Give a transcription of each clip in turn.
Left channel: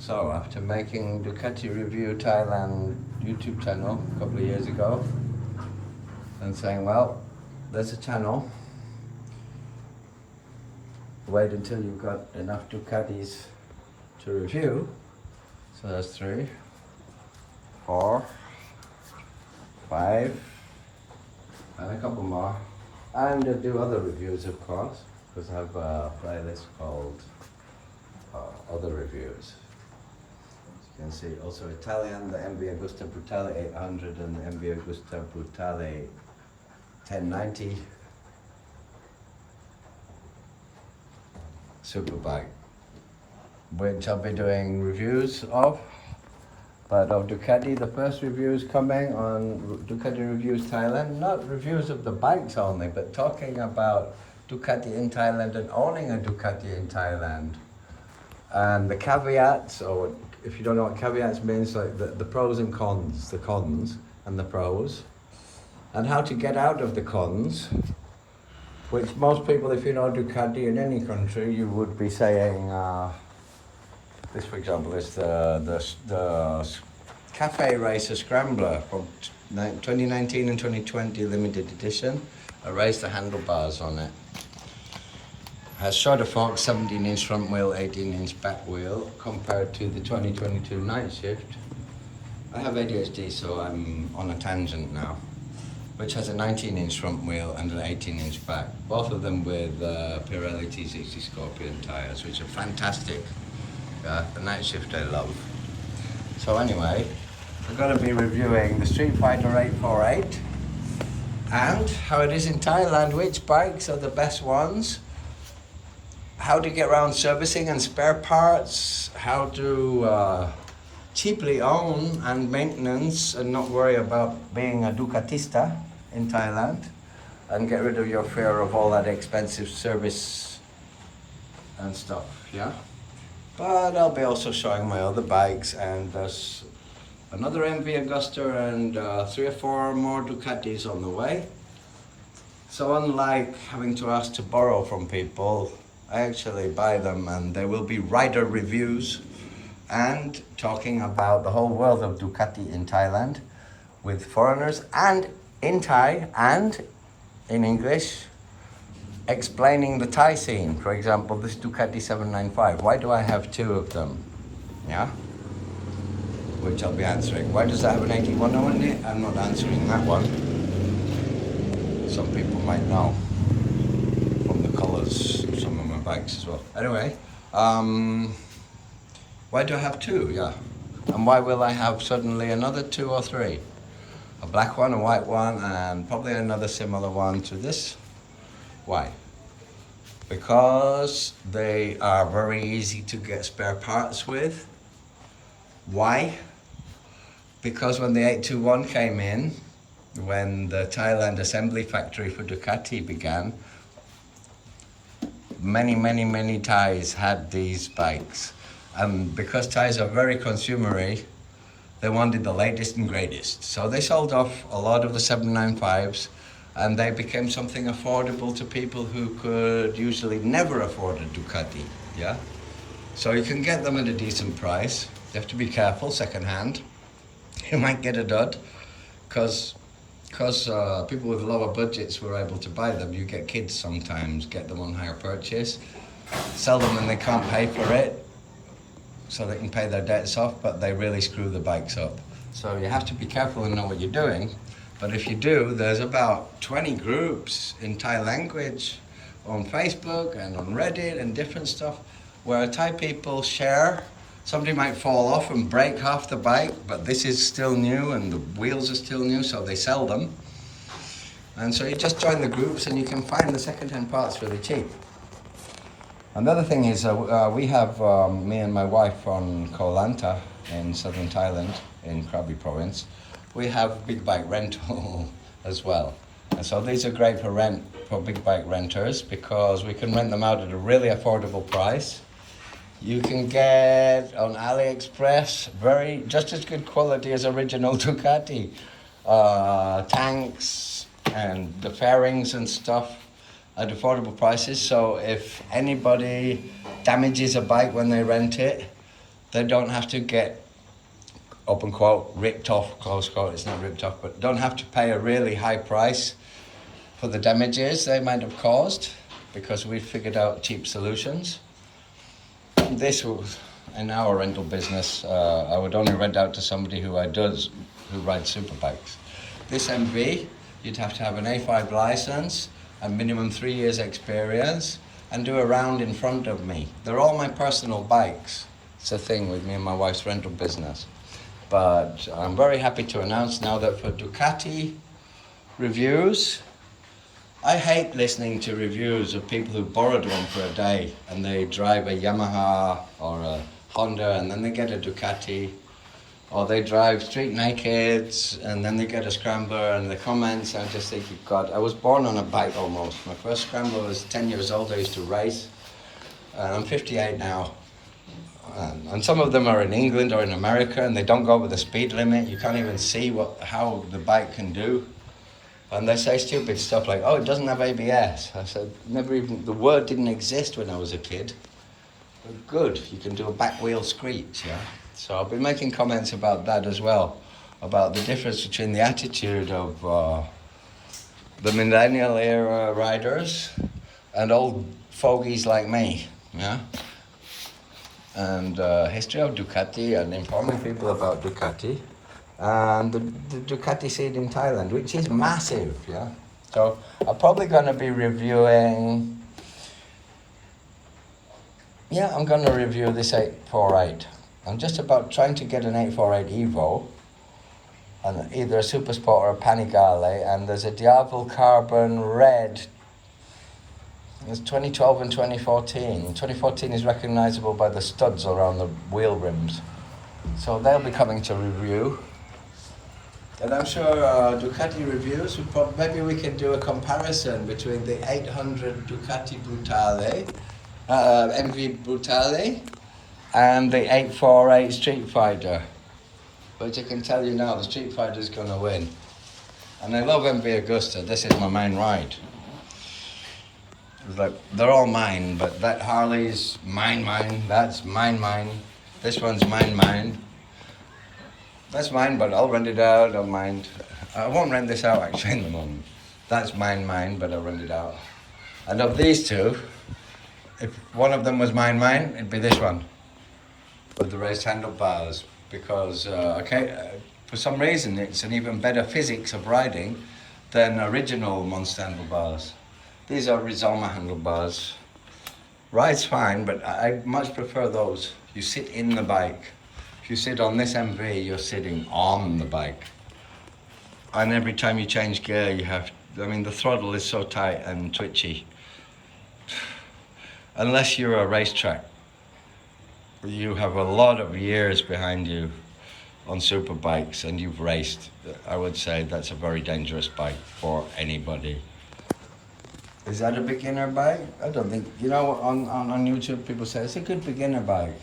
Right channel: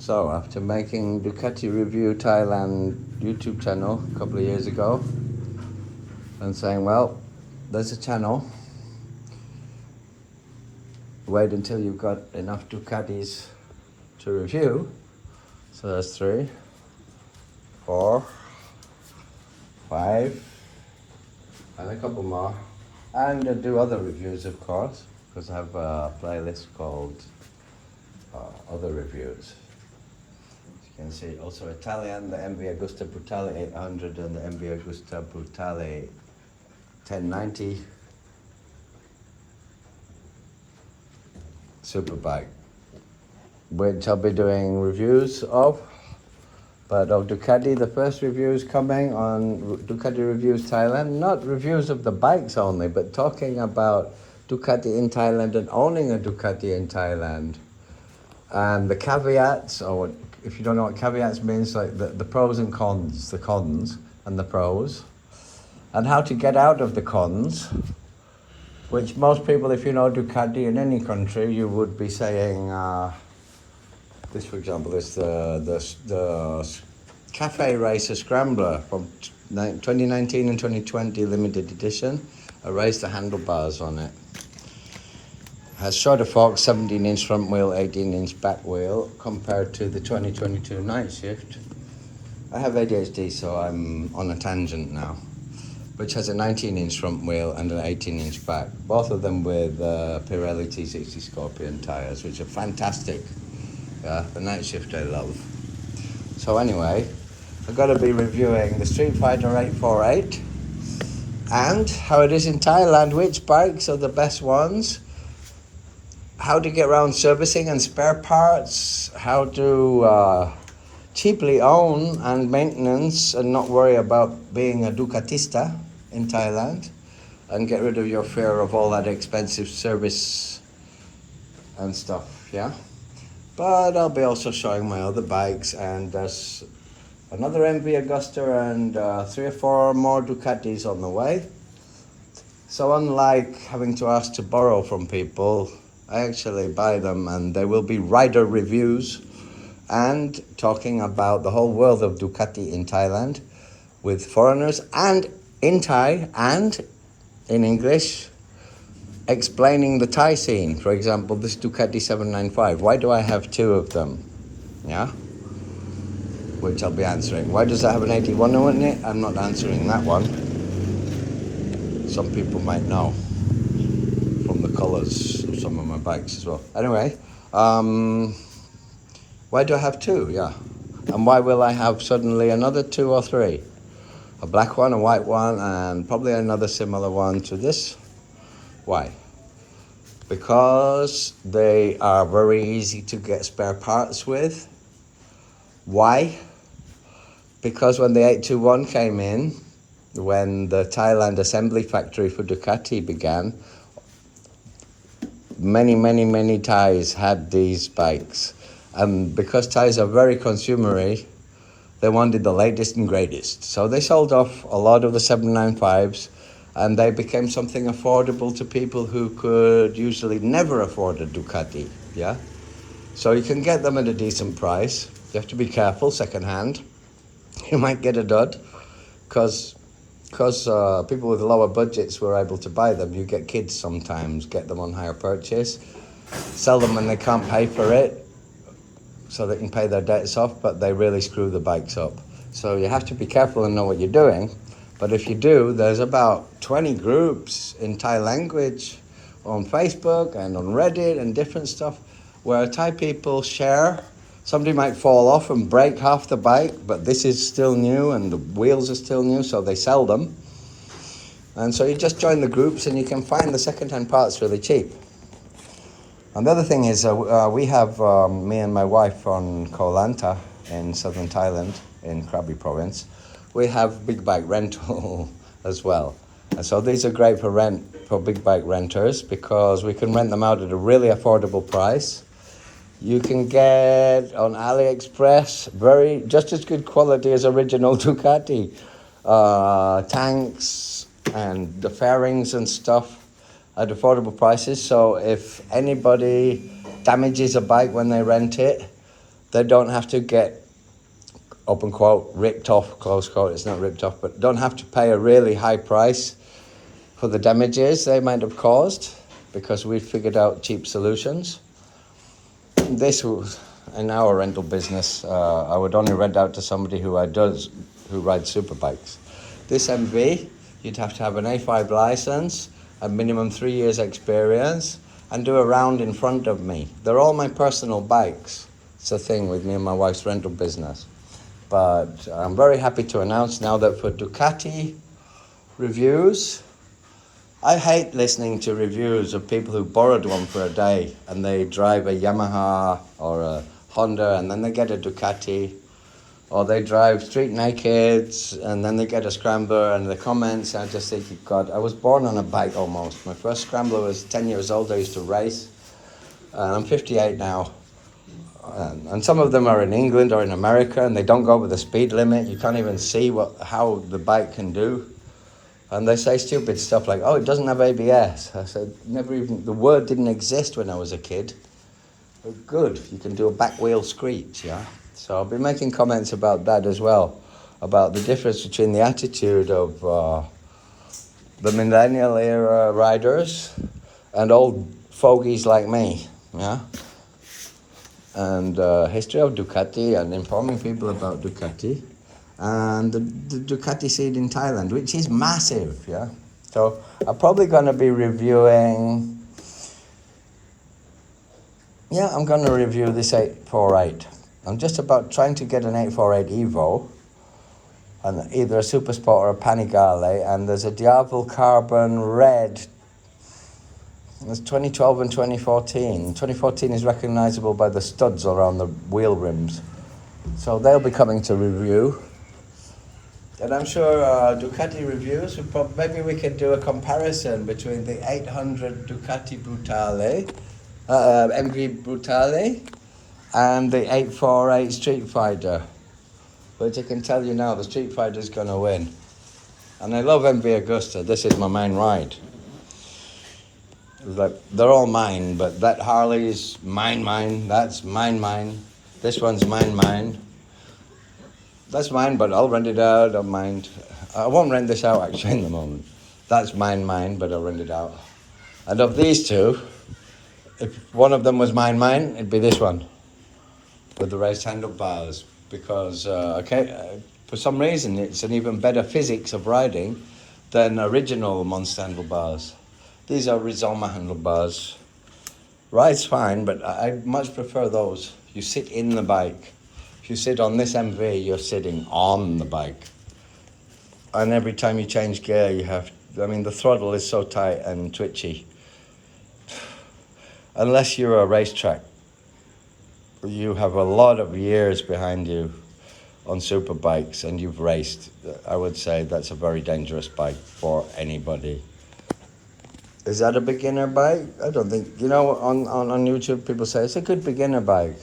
So after making Ducati Review Thailand YouTube channel a couple of years ago and saying, well, there's a channel, wait until you've got enough Ducatis to review. So there's 3, 4, 5, and a couple more. And I do other reviews, of course, because I have a playlist called Other Reviews. You can see also Italian, the MV Agusta Brutale 800 and the MV Agusta Brutale 1090 superbike, which I'll be doing reviews of. But of Ducati, the first review is coming on Ducati Reviews Thailand. Not reviews of the bikes only, but talking about Ducati in Thailand and owning a Ducati in Thailand. And the caveats, or if you don't know what caveats means, like the pros and cons, the cons and the pros, and how to get out of the cons, which most people, if you know Ducati in any country, you would be saying, this for example is the Cafe Racer Scrambler from 2019 and 2020 limited edition. I raised the handlebars on it. Has shorter forks, 17-inch front wheel, 18-inch back wheel, compared to the 2022 Night Shift. I have ADHD, so I'm on a tangent now, which has a 19-inch front wheel and an 18-inch back, both of them with Pirelli T60 Scorpion tyres, which are fantastic. Yeah, the Night Shift I love. So anyway, I've got to be reviewing the Street Fighter 848 and how it is in Thailand, which bikes are the best ones, how to get around servicing and spare parts, how to cheaply own and maintenance and not worry about being a Ducatista in Thailand, and get rid of your fear of all that expensive service and stuff, yeah? But I'll be also showing my other bikes, and there's another MV Agusta and 3 or 4 more Ducatis on the way. So unlike having to ask to borrow from people, I actually buy them, and there will be rider reviews and talking about the whole world of Ducati in Thailand with foreigners and in Thai and in English, explaining the Thai scene. For example, this Ducati 795, why do I have 2 of them? Yeah? Which I'll be answering. Why does it have an 81 in it? I'm not answering that one. Some people might know from the colours of some of my bikes as well. Anyway, why do I have 2? Yeah. And why will I have suddenly another 2 or 3? A black one, a white one, and probably another similar one to this. Why? Because they are very easy to get spare parts with. Why? Because when the 821 came in, when the Thailand assembly factory for Ducati began, many Thais had these bikes. And because Thais are very consumery, they wanted the latest and greatest. So they sold off a lot of the 795s, and they became something affordable to people who could usually never afford a Ducati, yeah? So you can get them at a decent price. You have to be careful, second-hand. You might get a dud, because people with lower budgets were able to buy them. You get kids sometimes, get them on hire purchase, sell them when they can't pay for it, so they can pay their debts off, but they really screw the bikes up. So you have to be careful and know what you're doing. But if you do, there's about 20 groups in Thai language on Facebook and on Reddit and different stuff where Thai people share. Somebody might fall off and break half the bike, but this is still new and the wheels are still new, so they sell them. And so you just join the groups and you can find the second-hand parts really cheap. And the other thing is, we have, me and my wife on Koh Lanta in southern Thailand, in Krabi province, we have big bike rental as well. And so these are great for big bike renters, because we can rent them out at a really affordable price. You can get on AliExpress just as good quality as original Ducati tanks and the fairings and stuff at affordable prices. So if anybody damages a bike when they rent it, they don't have to get, open quote, ripped off, close quote, it's not ripped off, but don't have to pay a really high price for the damages they might have caused, because we figured out cheap solutions. This was, in our rental business, I would only rent out to somebody who rides super bikes. This MV, you'd have to have an A5 license, a minimum 3 years experience, and do a round in front of me. They're all my personal bikes. It's a thing with me and my wife's rental business. But I'm very happy to announce now that for Ducati reviews, I hate listening to reviews of people who borrowed one for a day and they drive a Yamaha or a Honda and then they get a Ducati, or they drive street naked and then they get a scrambler, and the comments, I just think, God, I was born on a bike almost. My first scrambler was 10 years old, I used to race. I'm 58 now. And some of them are in England or in America and they don't go over the speed limit. You can't even see how the bike can do. And they say stupid stuff like, oh, it doesn't have ABS. I said, never even, the word didn't exist when I was a kid. But good, you can do a back wheel screech, yeah? So I'll be making comments about that as well, about the difference between the attitude of the millennial era riders and old fogies like me, yeah? And history of Ducati and informing people about Ducati. And the Ducati scene in Thailand, which is massive, yeah? So I'm probably going to be reviewing, I'm going to review this 848. I'm just about trying to get an 848 Evo, and either a Super Sport or a Panigale, and there's a Diavel Carbon Red. There's 2012 and 2014. 2014 is recognisable by the studs around the wheel rims. So they'll be coming to review. And I'm sure Ducati reviews, maybe we can do a comparison between the 800 Ducati Brutale, MV Brutale, and the 848 Street Fighter. But I can tell you now, the Street Fighter's gonna win. And I love MV Augusta, this is my main ride. It's like, they're all mine, but that Harley is mine, that's mine. This one's mine. That's mine, but I'll rent it out, don't mind. I won't rent this out actually in the moment. That's mine, but I'll rent it out. And of these two, if one of them was mine, it'd be this one. With the raised handlebars, because, for some reason it's an even better physics of riding than original Monster handlebars. These are Rizoma handlebars. Ride's fine, but I much prefer those. You sit in the bike. If you sit on this MV, you're sitting on the bike. And every time you change gear, the throttle is so tight and twitchy. Unless you're a racetrack, you have a lot of years behind you on super bikes and you've raced. I would say that's a very dangerous bike for anybody. Is that a beginner bike? I don't think, on YouTube people say it's a good beginner bike.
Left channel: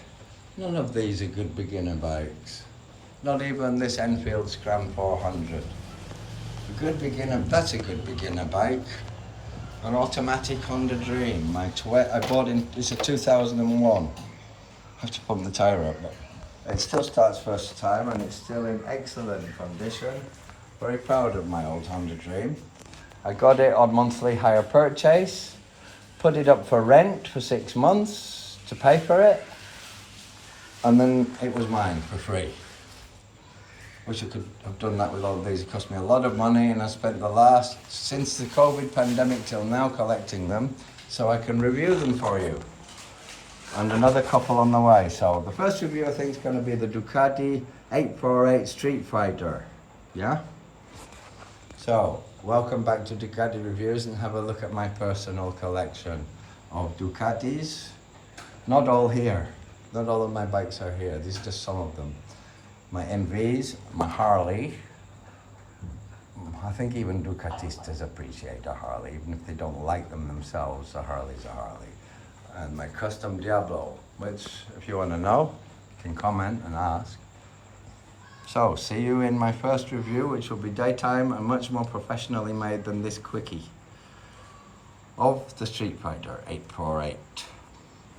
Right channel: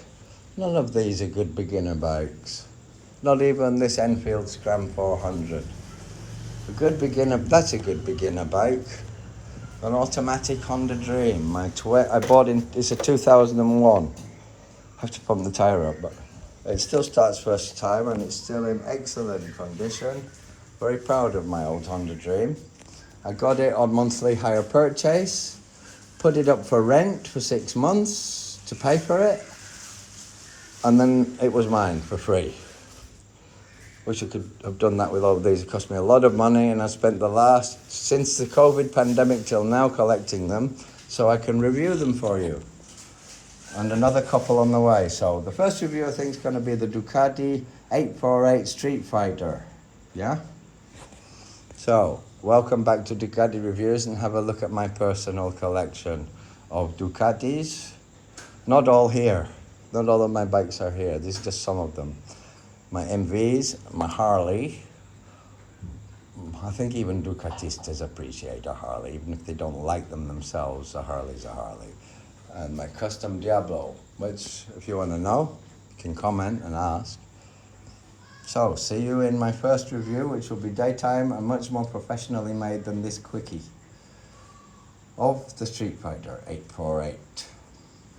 None of these are good beginner bikes. Not even this Enfield Scram 400. That's a good beginner bike. An automatic Honda Dream. I bought it's a 2001. I have to pump the tyre up, but it still starts first time and it's still in excellent condition. Very proud of my old Honda Dream. I got it on monthly hire purchase, put it up for rent for 6 months to pay for it, and then it was mine for free. Wish I could have done that with all of these. It cost me a lot of money and I spent since the COVID pandemic till now collecting them so I can review them for you. And another couple on the way. So the first review I think is going to be the Ducati 848 Street Fighter. Yeah? So, welcome back to Ducati Reviews and have a look at my personal collection of Ducatis. Not all here. Not all of my bikes are here. These are just some of them. My MVs, my Harley. I think even Ducatistas appreciate a Harley, even if they don't like them themselves, a Harley's a Harley. And my custom Diablo, which, if you want to know, you can comment and ask. So, see you in my first review, which will be daytime and much more professionally made than this quickie of the Street Fighter 848.